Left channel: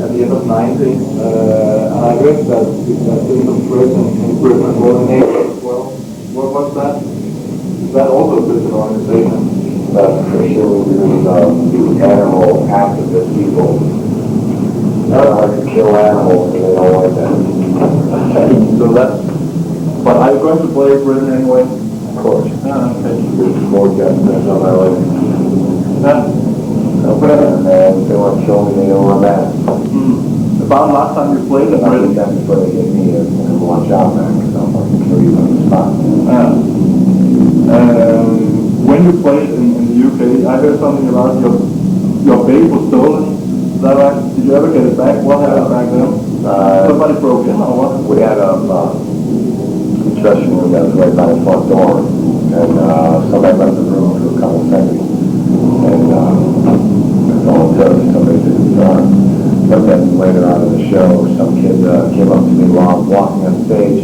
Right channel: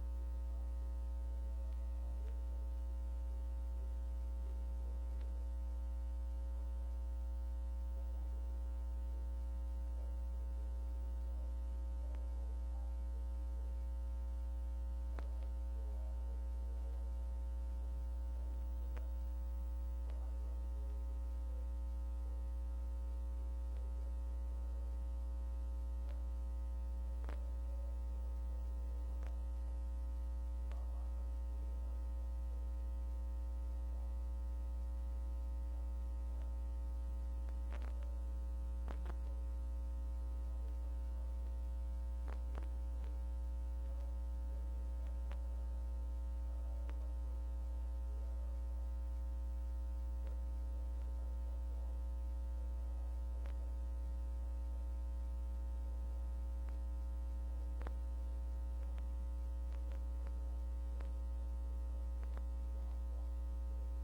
at the end of 90, and I read that the end of prison in Britain was an as well. What's that? Is that also a Christian organization? Christian is animal activist people. They like to kill animals and they don't like that. Okay, so that's... But are you going to play Britain anyway? Of course. Okay. There's more deaths on my way. And they want to kill me, they know where I'm at. About last time you played in Britain? That's before they get me and watch out, man, because I'll fucking kill you on the spot. When you played in the UK, I heard something about your bass was stolen. Is that right? Did you ever get it back? What happened back then? Somebody broke in or what? We had a dressing room that was right by the front door, and somebody left the room for a couple seconds. And all it took, somebody took the guitar. But then later on in the show, some kid came up to me while I was walking on stage,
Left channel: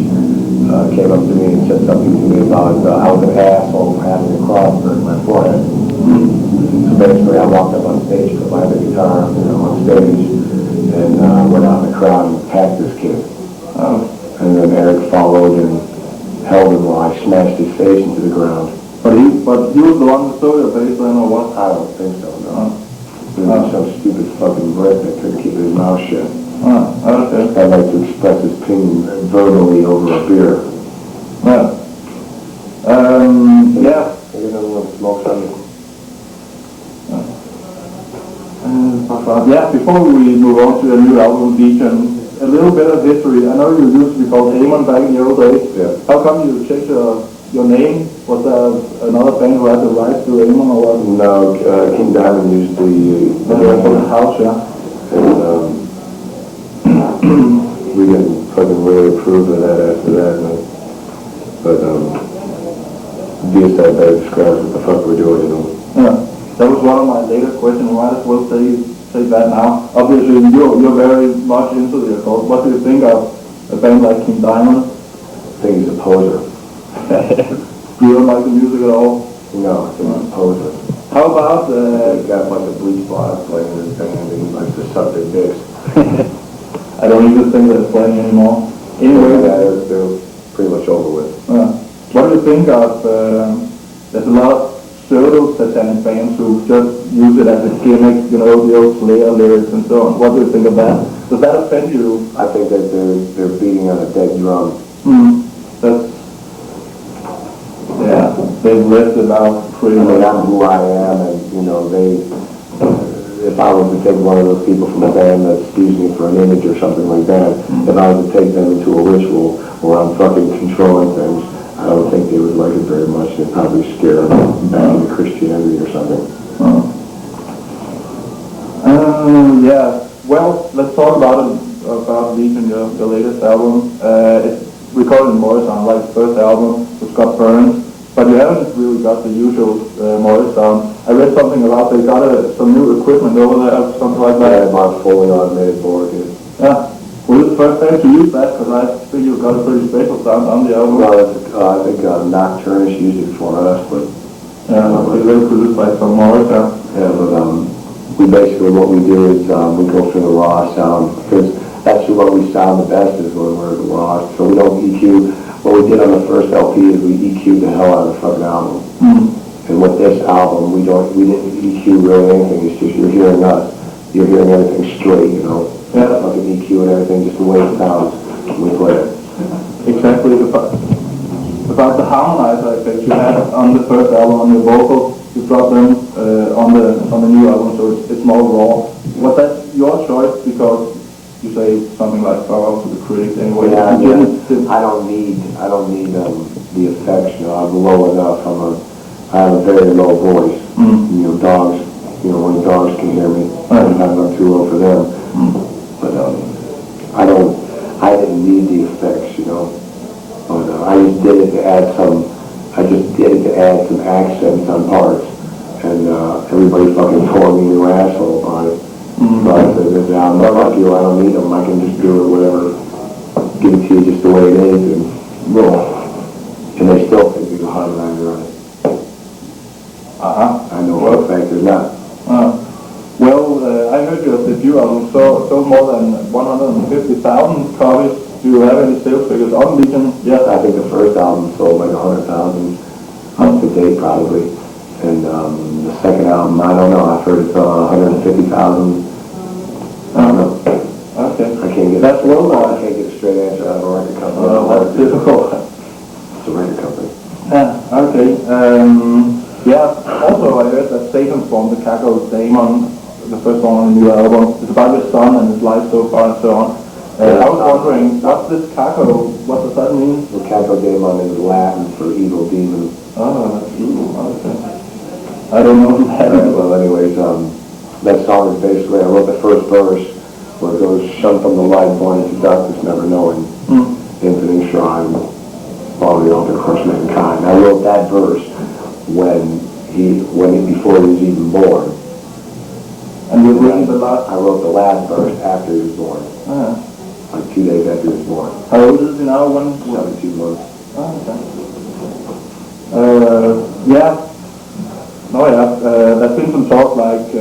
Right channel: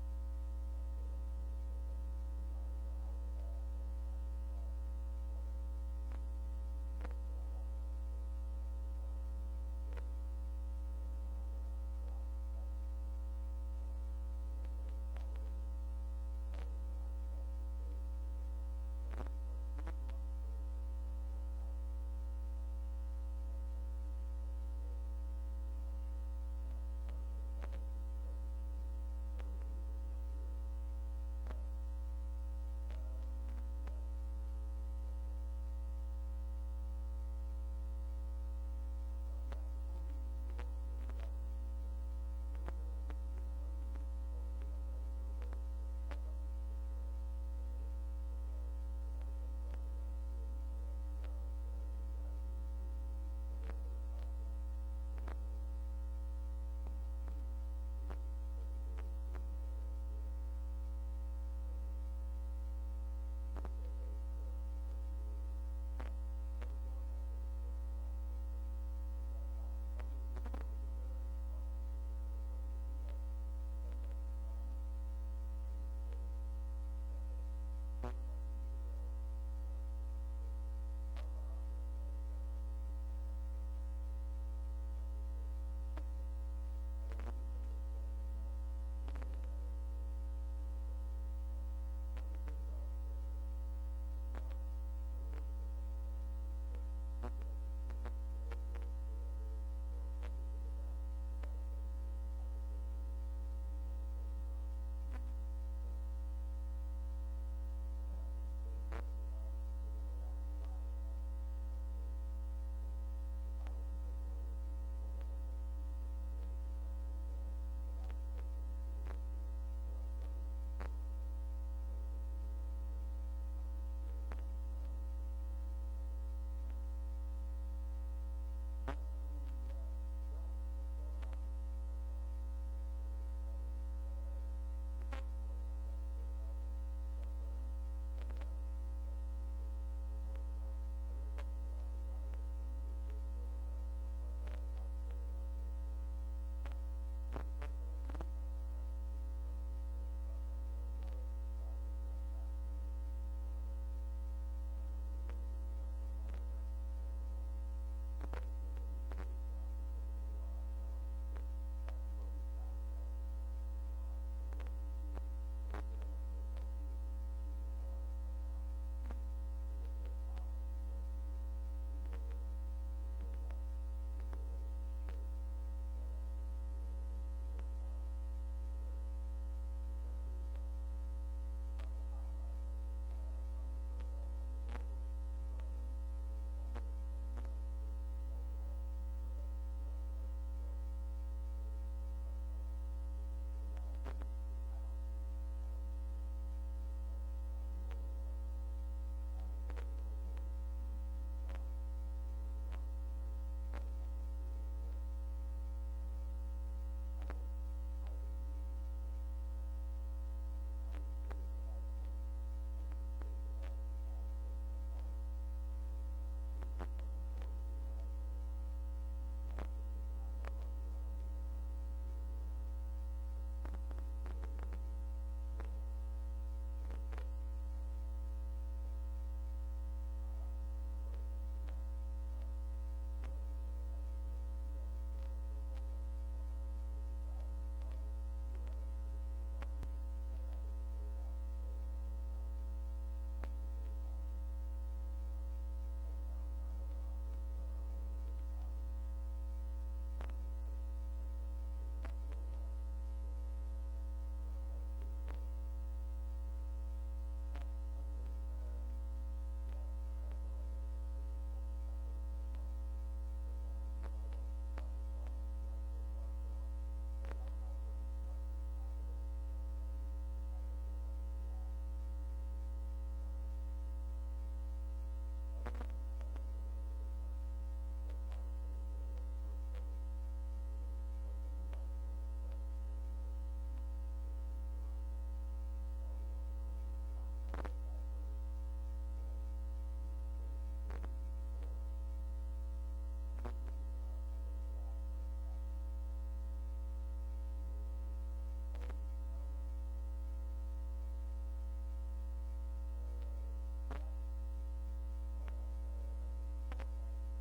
came up to me and said something to me about I was an asshole for having a cross in my forehead. So basically I walked up on stage, put my other guitar on stage, and went out in the crowd and attacked this kid. And then Eric followed and held him while I smashed his face into the ground. But he was the one who stole your bass then or what? I don't think so, no. He was some stupid fucking Brit that couldn't keep his mouth shut. Okay. I'd like to express his opinion verbally over a beer. Yeah. Take another one, smoke something. Before we move on to a new album, Deacon, a little bit of history. I know you used to be called Amon back in the old days. Yeah. How come you changed your name? Was there another band who had the rights to Amon or what? No, King Diamond used the house, yeah. And we didn't fucking really approve of that after that, but Deicide better describes what the fuck we're doing, Yeah, that was one of my later questions. Might as well say that now. Obviously, you're very much into the occult. What do you think of a band like King Diamond? I think he's a poser. You don't like the music at all? No, I think he's a poser. How about he's got a bunch of bleach blotters playing in his band and he likes to suck their dicks. I don't even think they're playing anymore. Anyway, they're pretty much over with. What do you think of, there's a lot of pseudo-satanic bands who just use it as a gimmick, the old Slayer lyrics and so on. What do you think of that? Does that offend you? I think that they're beating on a dead drum. They've lived it out pretty much. I'm who I am, and if I was to take one of those people from a band that sees me for an image or something like that, if I was to take them into a ritual where I'm fucking controlling things, I don't think they would like it very much. They'd probably scare them back into Christianity or something. Well, let's talk about Legion, your latest album. It's recorded in Morrisound, like the first album, which got burned. But you haven't really got the usual Morrisound. I read something about they got some new equipment over there, something like that. Yeah, about fully automated board. Yeah. Well, it's the first time to use that, because I think you've got a pretty special sound on the album. Well, I think Nocturnus used it for us, but... Yeah, they were produced by some Morrisound. Yeah, but what we do is we go for the raw sound, because that's what we sound the best is when we're raw. So we don't EQ. What we did on the first LP is we EQ'd the hell out of the fucking album. And with this album, we didn't EQ really anything. It's just you're hearing us. You're hearing everything straight, Yeah. Fucking EQ and everything, just the way it sounds when we play it. Exactly. About the harmonizer effects you had on the first album on your vocals, you brought them on the new album, so it's more raw. Was that your choice because you say something like "fuck out to the critics" anyway? Yeah, I don't need the effects. I'm low enough. I have a very low voice. Dogs. When dogs can hear me, I'm not too low for them. But I didn't need the effects, But I just did it to add some. I just did it to add some accents on parts, and everybody fucking called me an asshole about it. So I said, I'm not like you. I don't need them. I can just do it, whatever. Give it to you just the way it is, and they still think there's a harmonizer on it. I know for a fact there's not. I heard you at the debut album sold more than 150,000 copies. Do you have any sales figures on Legion? Yes. I think the first album sold like 100,000 up to date probably. And the second album, I don't know, I've heard it's 150,000. I don't know. Okay. I can't get That's low. I can't get a straight answer out of a record company. That's difficult. It's a record company. Yeah, okay. Yeah, also I heard that Satan formed the Caco Daemon, the first one on the new album. It's about his son and his life so far and so on. I was wondering, what's this Caco? What does that mean? The Caco Daemon is Latin for evil demon. Oh, that's evil. Okay. I don't know that. Well, anyways, that song is basically, I wrote the first verse where it goes, shunned from the light, born into darkness, never knowing, infinite shrine, all the altar crushed mankind. I wrote that verse before he was even born. And you wrote the last? I wrote the last verse after he was born. Like 2 days after he was born. How old is he now? 17 months. Yeah. No, yeah. There's been some talk like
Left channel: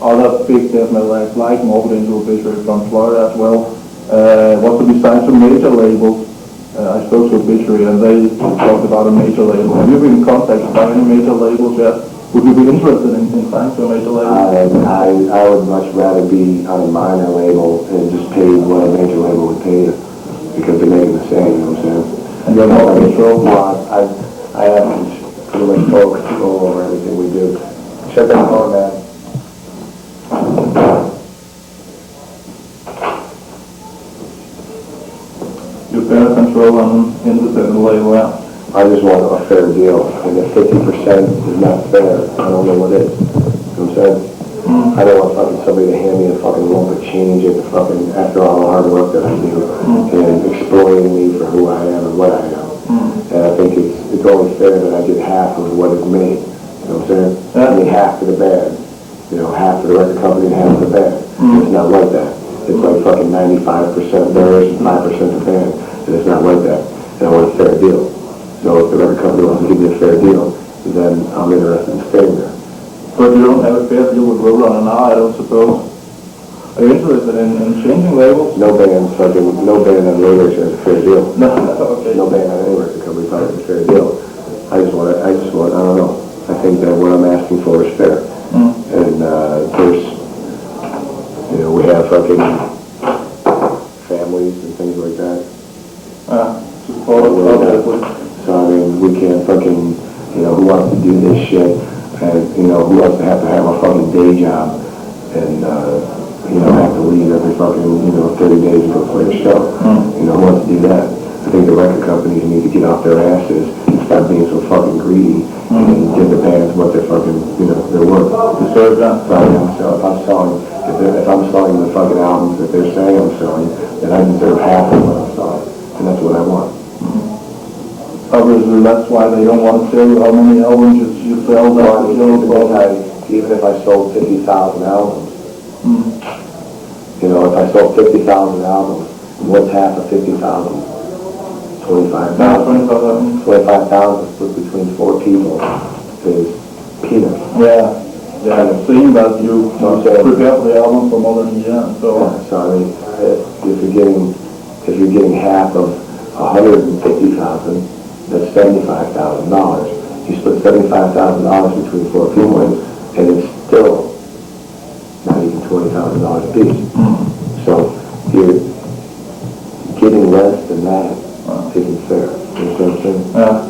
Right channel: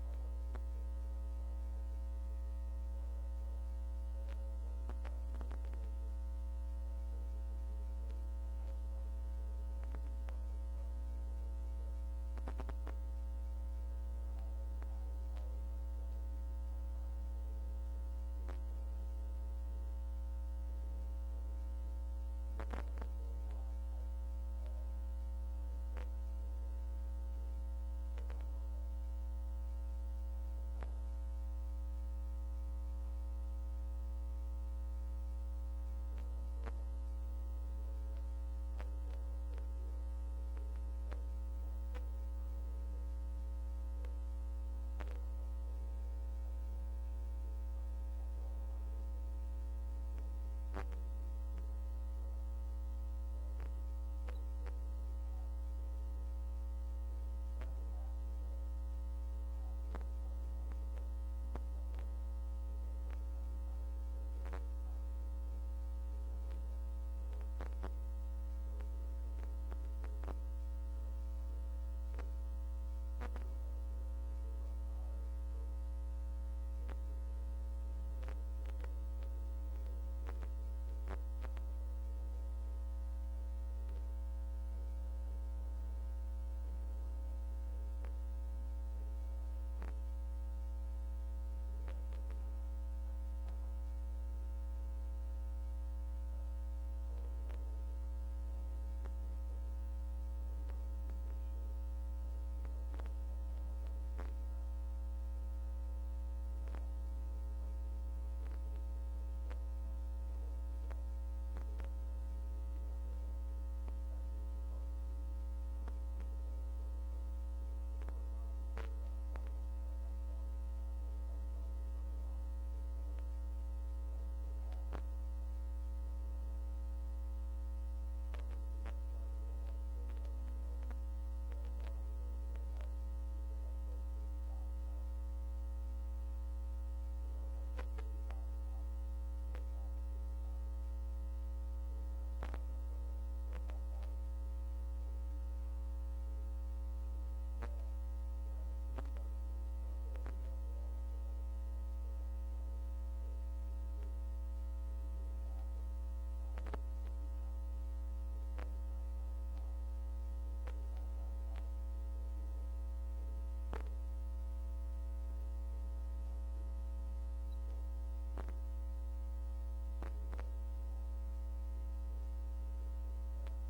other big death metal acts like Morbid Angel Obituary from Florida as well. Want to be signed to major labels. I spoke to Obituary and they talked about a major label. Have you been contacted by any major labels yet? Would you be interested in signing to a major label? I would much rather be on a minor label and just pay what a major label would pay you because they're making the same, you know what I'm saying? And you're more control? Well, I have pretty much total control over everything we do. Check that phone, man. You better control on independent label, yeah. I just want a fair deal, and if 50% is not fair, I don't know what is. You know what I'm saying? I don't want fucking somebody to hand me a fucking lump of change and fucking, after all the hard work that I do, and exploiting me for who I am and what I am. And I think it's only fair that I get half of what is made. You know what I'm saying? I mean, half to the band. You know, half to the record company and half to the band. It's not like that. It's like fucking 95% theirs and 5% the band. And it's not like that. And I want a fair deal. So if the record company wants to give me a fair deal, then I'm interested in staying there. But you don't have a fair deal with Roland now, I don't suppose. Are you interested in changing labels? No band on radio has a fair deal. No, okay. No band on any record company has a fair deal. I just want, I don't know. I think that what I'm asking for is fair. And there's, you know, we have fucking families and things like that. So I mean, we can't fucking, you know, who wants to do this shit, and, you know, who wants to have a fucking day job, and, you know, have to leave every fucking, you know, 30 days to go play a show. You know, who wants to do that? I think the record companies need to get off their asses and stop being so fucking greedy and give the bands what they're fucking, you know, their worth. So if I'm selling the fucking albums that they're saying I'm selling, then I deserve half of what I'm selling, and that's what I want. Obviously, that's why they don't want to tell you how many albums you sell. Even if I sold 50,000 albums, you know, if I sold 50,000 albums, what's half of 50,000? 25,000. 25,000 split between 4 people is peanuts. Yeah. I've seen that you prepared the album for more than a year and so on. So I mean, if you're getting half of 150,000, that's $75,000. You split $75,000 between 4 people, and it's still not even $20,000 a piece. So you're getting less than that isn't fair. You know what I'm saying? Yeah.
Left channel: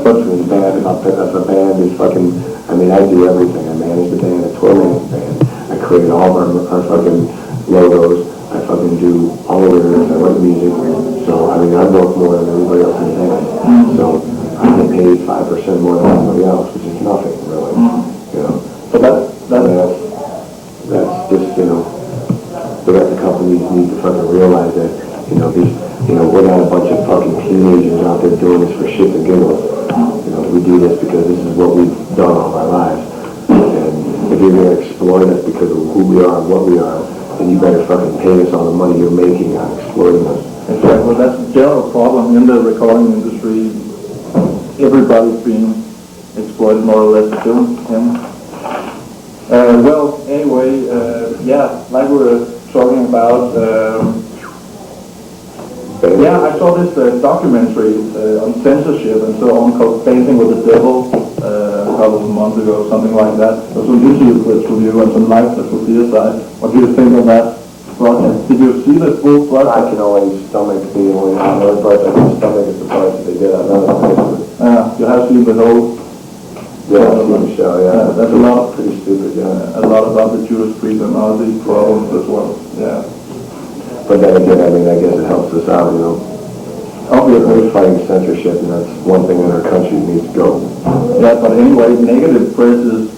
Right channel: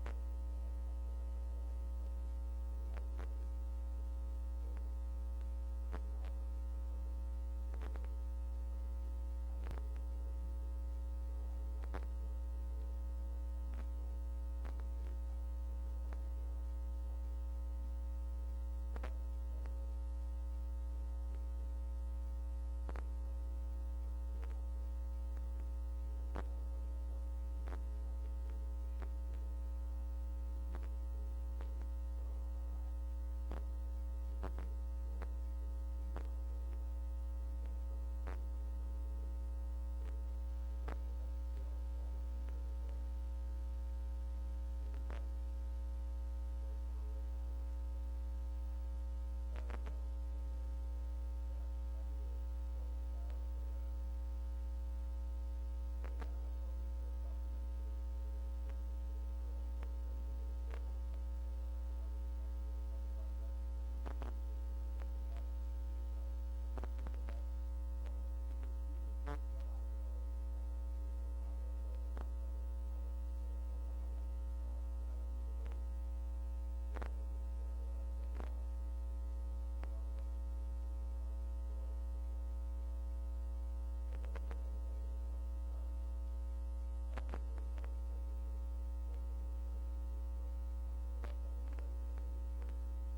But the band, if a band is fucking, I mean, I do everything. I manage the band, I tour manage the band. I create all of our fucking logos. I fucking do all the lyrics. I write music. So, I mean, I work more than everybody else in the band. So, I get paid 5% more than everybody else, which is nothing, really. You know? So that's just, you know, the record companies need to fucking realize that, you know, we're not a bunch of fucking teenagers out there doing this for shits and giggles. You know, we do this because this is what we've done all our lives. And if you're going to exploit us because of who we are and what we are, then you better fucking pay us all the money you're making on exploiting us. Exactly. Well, that's a general problem in the recording industry. Everybody's being exploited more or less, too. Well, anyway, yeah, like we were talking about, yeah, I saw this documentary on censorship and so on called Dancing with the Devil a couple of months ago, something like that. There was some interview clips with you and some live clips with Deicide. What do you think of that broadcast? Did you see the full broadcast? I can only stomach the only another part I can stomach is the part that they did on another place. You have seen the whole TV show, yeah. That's a lot. Pretty stupid, yeah. A lot about the Judas Priest and all these problems as well. Yeah. But then again, I mean, I guess it helps us out, you know. Obviously, we're fighting censorship, and that's one thing in our country needs to go. Yeah, but anyway, negative press is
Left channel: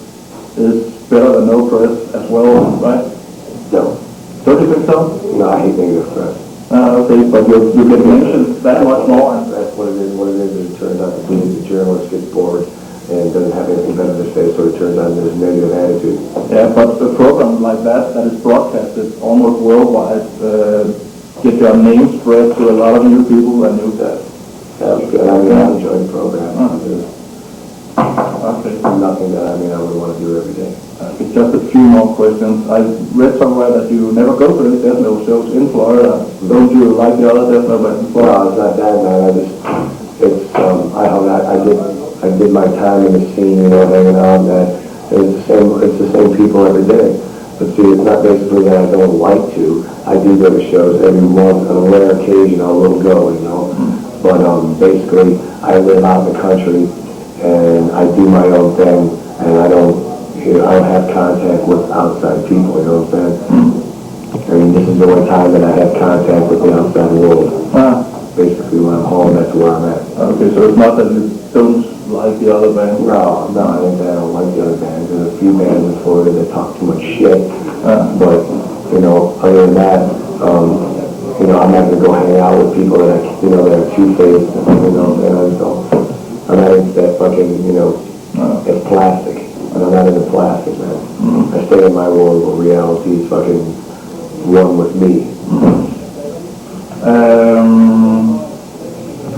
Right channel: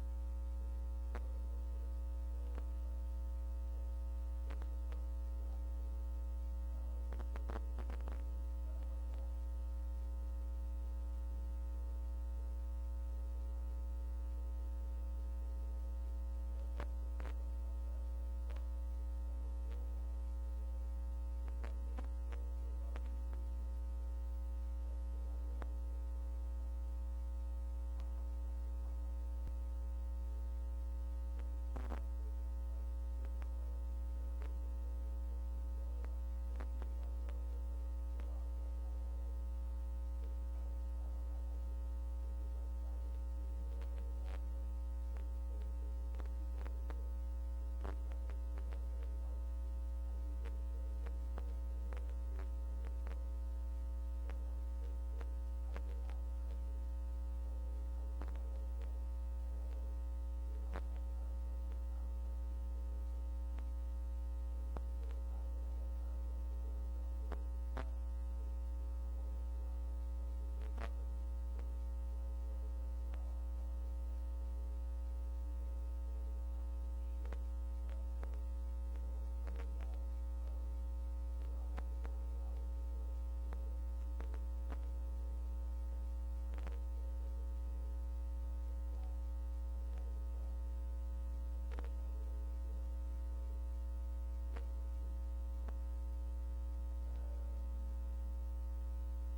better than no press as well, right? No. Don't you think so? No, I hate negative press. Okay, but you get mentioned that much more. That's what it is. What it is it turns out to be the journalist gets bored and doesn't have anything better to say, so it turns out there's a negative attitude. Yeah, but a program like that is broadcasted almost worldwide, get your name spread to a lot of new people and new that. Yeah, it's good. I mean, I enjoy the program. Okay. Nothing that, I mean, I would want to do every day. Okay, just a few more questions. I read somewhere that you never go to any death metal shows in Florida. Don't you like the other death metal bands in Florida? No, it's not that, man. I did my time in the scene, you know, hanging out, that it's the same people every day. But see, it's not basically that I don't like to. I do go to shows every once, on a rare occasion I will go, you know. But basically, I live out in the country, and I do my own thing, and I don't have contact with outside people, you know what I'm saying? I mean, this is the only time that I have contact with the outside world. Basically, when I'm home, that's where I'm at. Okay, so it's not that you don't like the other bands? No, I think I don't like the other bands. There's a few bands in Florida that talk too much shit. But, you know, other than that, you know, I'm not going to go hang out with people that are two-faced, you know, and so I'm not into that fucking, you know, it's plastic. And I'm not into plastic, man. I stay in my world where reality is fucking one with me.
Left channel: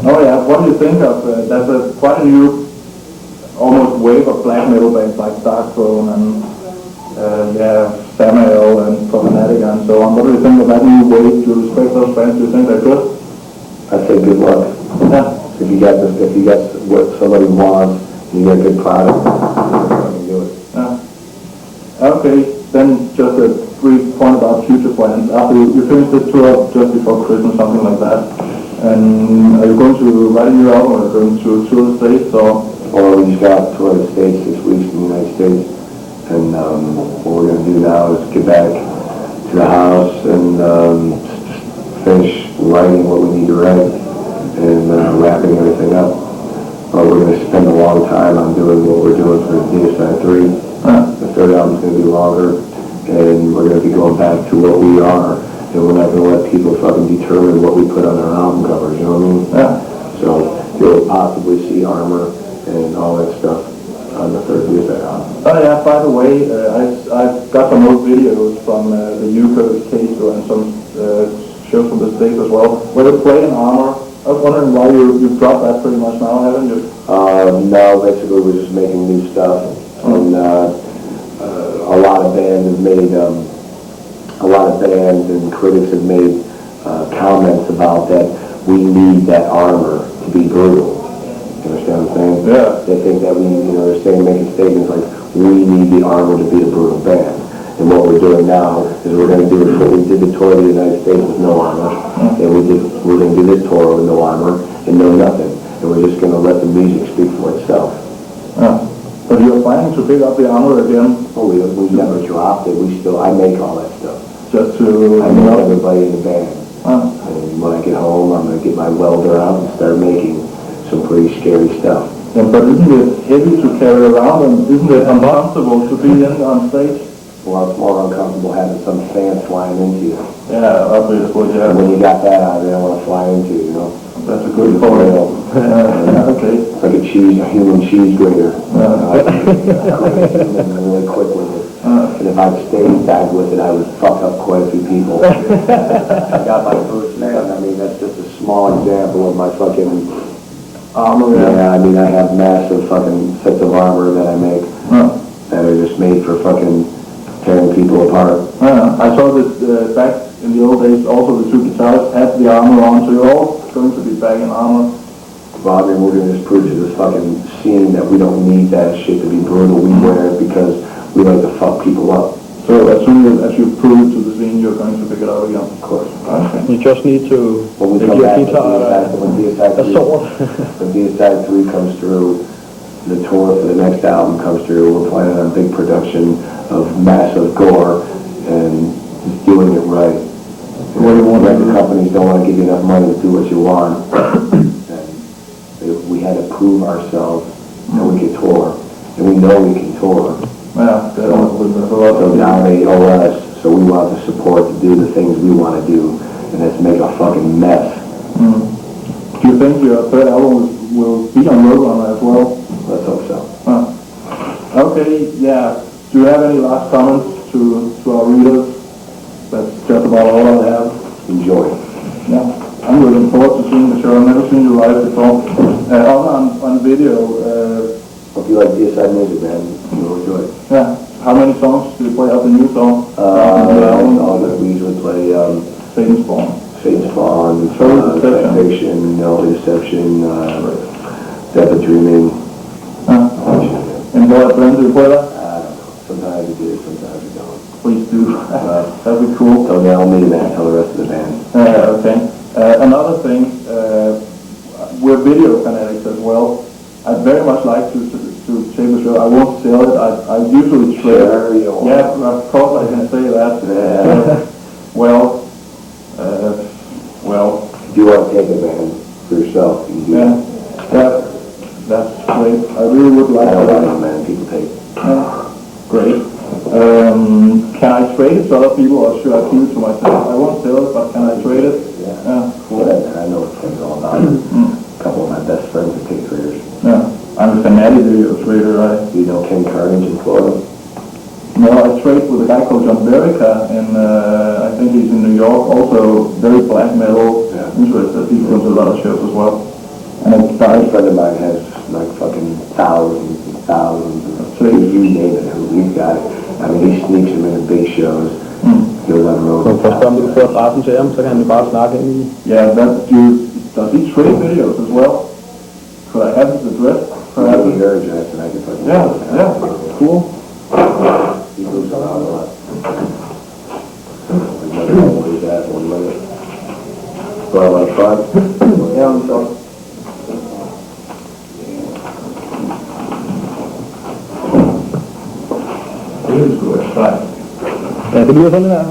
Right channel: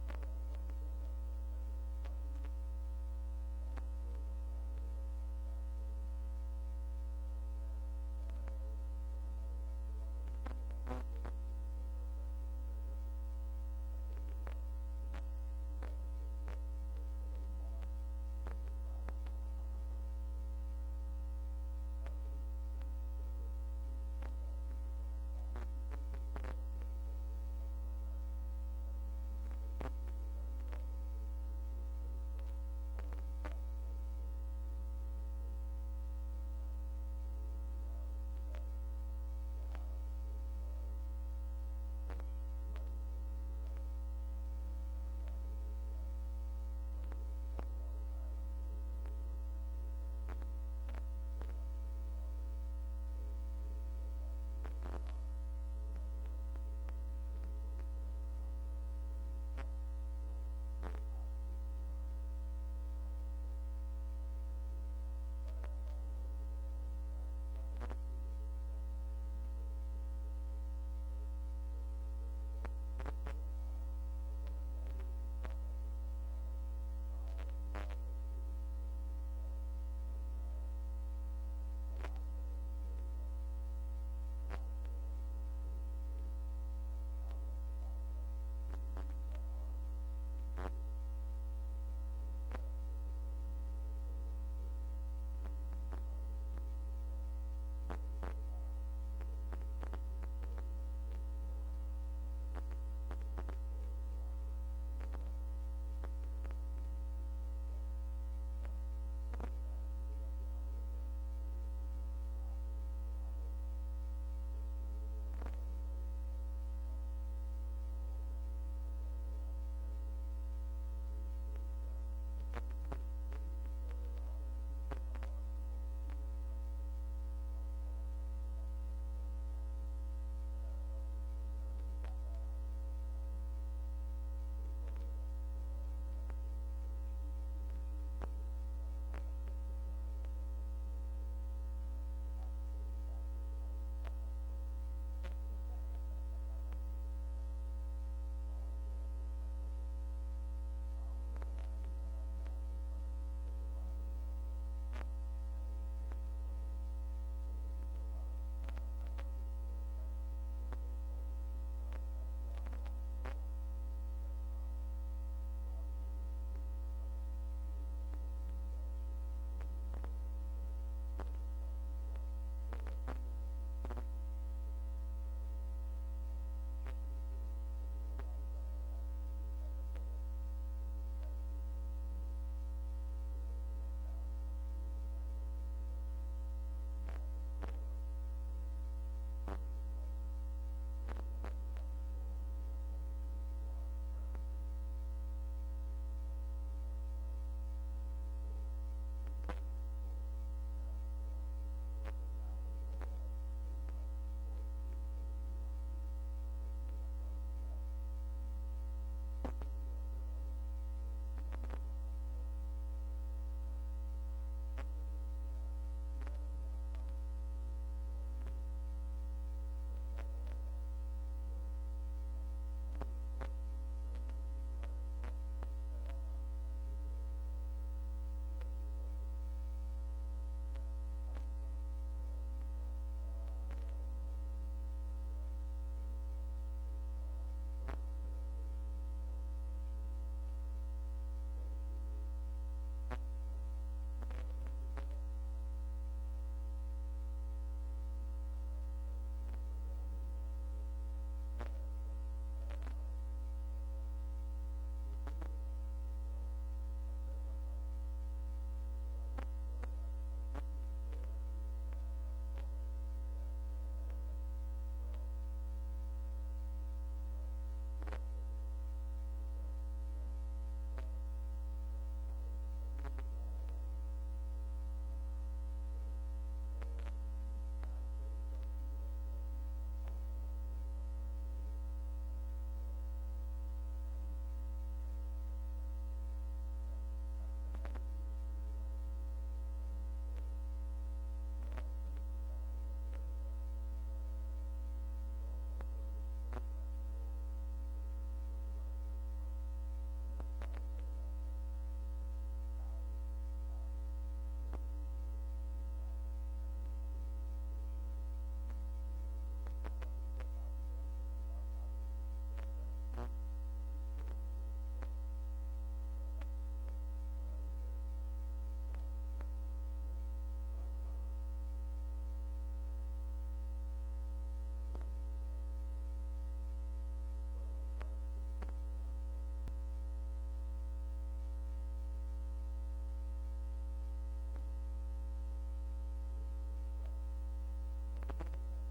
Oh yeah, what do you think of, there's quite a new, almost wave of black metal bands like Stockholm and, Samuel and Problematica and so on. What do you think of that new wave? Do you respect those bands? Do you think they're good? I say good luck. Yeah. If you got what somebody wants, you get a good product, you do it. Yeah. Okay, then just a brief point about future plans. After you finish this tour just before Christmas, something like that, and are you going to write a new album, or are you going to tour the States, or? Well, we just got tour the States 6 weeks in the United States, and what we're going to do now is get back to the house and finish writing what we need to write and wrapping everything up. But we're going to spend a long time on doing what we're doing for Deicide 3. The third album's going to be longer, and we're going to be going back to what we are, and we're not going to let people fucking determine what we put on our album covers, you know what I mean? Yeah. So you'll possibly see Armor and all that stuff on the third Deicide album. Oh yeah, by the way, I've got some old videos from the UK case and some shows from the States as well, where they play in Armor. I was wondering why you dropped that pretty much now, haven't you? No, basically we're just making new stuff, and a lot of bands and critics have made comments about that we need that Armor to be brutal. You understand what I'm saying? Yeah. They think that they're saying, making statements like, we need the Armor to be a brutal band. And what we're doing now is we're going to do what we did the tour of the United States with no Armor, and we're going to do this tour with no Armor and no nothing, and we're just going to let the music speak for itself. But you're planning to pick up the Armor again? Oh, we never dropped it. I make all that stuff. Just to... I make everybody in the band. And when I get home, I'm going to get my welder out and start making some pretty scary stuff. Yeah, but isn't it heavy to carry around, and isn't it uncomfortable to be in on stage? Well, it's more uncomfortable having some fan flying into you. Yeah, obviously, yeah. And when you got that out, they don't want to fly into you, you know? That's a good point. Okay. It's like a human cheese grater. I can really quick with it. And if I'd stayed back with it, I would fuck up quite a few people. I got my first man. I mean, that's just a small example of my fucking Armor. Yeah, I mean, I have massive fucking sets of armor that I make that are just made for fucking tearing people apart. I saw that back in the old days, also the two guitarists had the armor on, so you're all going to be back in armor. Well, I mean, we're going to just prove to this fucking scene that we don't need that shit to be brutal. We wear it because we like to fuck people up. So as soon as you prove it to the scene, you're going to pick it up again? Of course. Okay. You just need to When we make come your back, guitar when Deicide 3 comes through, the tour for the next album comes through, we're planning on a big production of massive gore and just doing it right. What do you want? Record companies don't want to give you enough money to do what you want. And we had to prove ourselves that we could tour. And we know we can tour. Yeah, there's a lot So of now they owe us, so we want the support to do the things we want to do. And let's make a fucking mess. Do you think your third album will be on Roadrunner as well? Let's hope so. Okay, yeah. Do you have any last comments to our readers? That's just about all I have. Enjoy. Yeah, I'm looking forward to seeing the show. I've never seen you live before. On video, Hope you like Deicide music, man. You'll enjoy it. yeah. How many songs do you play out the new song? We usually play Satan's Spawn. Satan's Spawn, Deception. Fiction, No Deception, Death of Dreaming. And Blood Friends, do you play that? I don't know. Sometimes we do, sometimes we don't. Please do. That'd be cool. Don't yell at me, man. Tell the rest of the band. Okay. Another thing, we're video fanatics as well. I'd very much like to take the show. I won't sell it. I usually trade. Sure you will. Yeah, of course I can say that. Yeah. Well. If you want to take a band for yourself, you can do Yeah. it. Yeah. That's great. I really would like I don't to. know, man. People take it. Great. Can I trade it to other people or should I keep it to myself? I won't sell it, but can I trade it? Yeah. Cool. I know what Ken's all about. A couple of my best friends are take traders. Yeah. I'm a fanatic video trader. You know Ken Carnage in Florida? No, I trade with a guy called John Verica, and I think he's in New York. Also, very black metal interested. He comes to a lot of shows as well. And a guy, A friend of mine has like fucking thousands and thousands of you name it, he's got it. I mean, he sneaks them into big shows. He goes on the road. Så først om du får adressen til ham, så kan han jo bare snakke ind i. yeah, does he trade videos as well? Could I have his address? Have your address and I can put it. Yeah, cool. He moves around a lot. We never know where he's at one minute. But I like fun. Yeah, I'm sorry. Det er sgu et fejl. Ja, det lyder sådan der.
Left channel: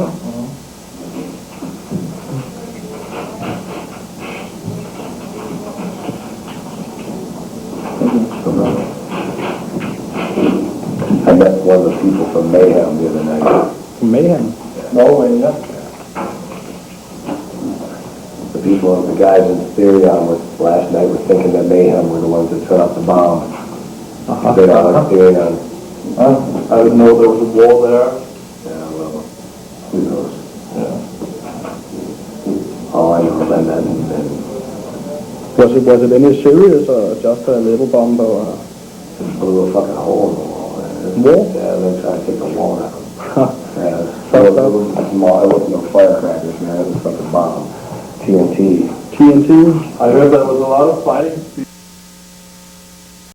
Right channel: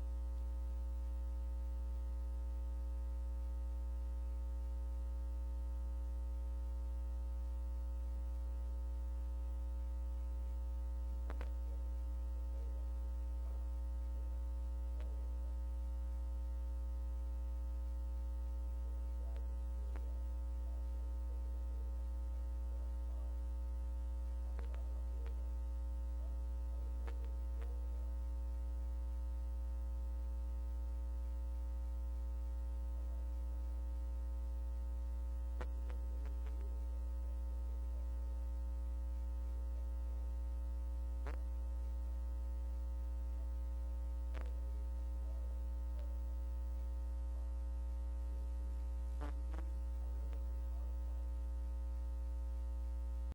I met one of the people from Mayhem the other night. Mayhem. Norway, yeah. The people, the guys in Therion last night were thinking that Mayhem were the ones that set up the bomb. They don't like Therion. I didn't know there was a war there. Yeah, well, who knows? Yeah. All I know is I met him and Was it any serious or just a little bomb or? just blew a fucking hole in the wall. Wall? Yeah, they tried to take the wall out. Yeah, Fucked up. it wasn't small, it wasn't no firecrackers, man, it was fucking bomb. TNT. TNT? I heard there was a lot of fighting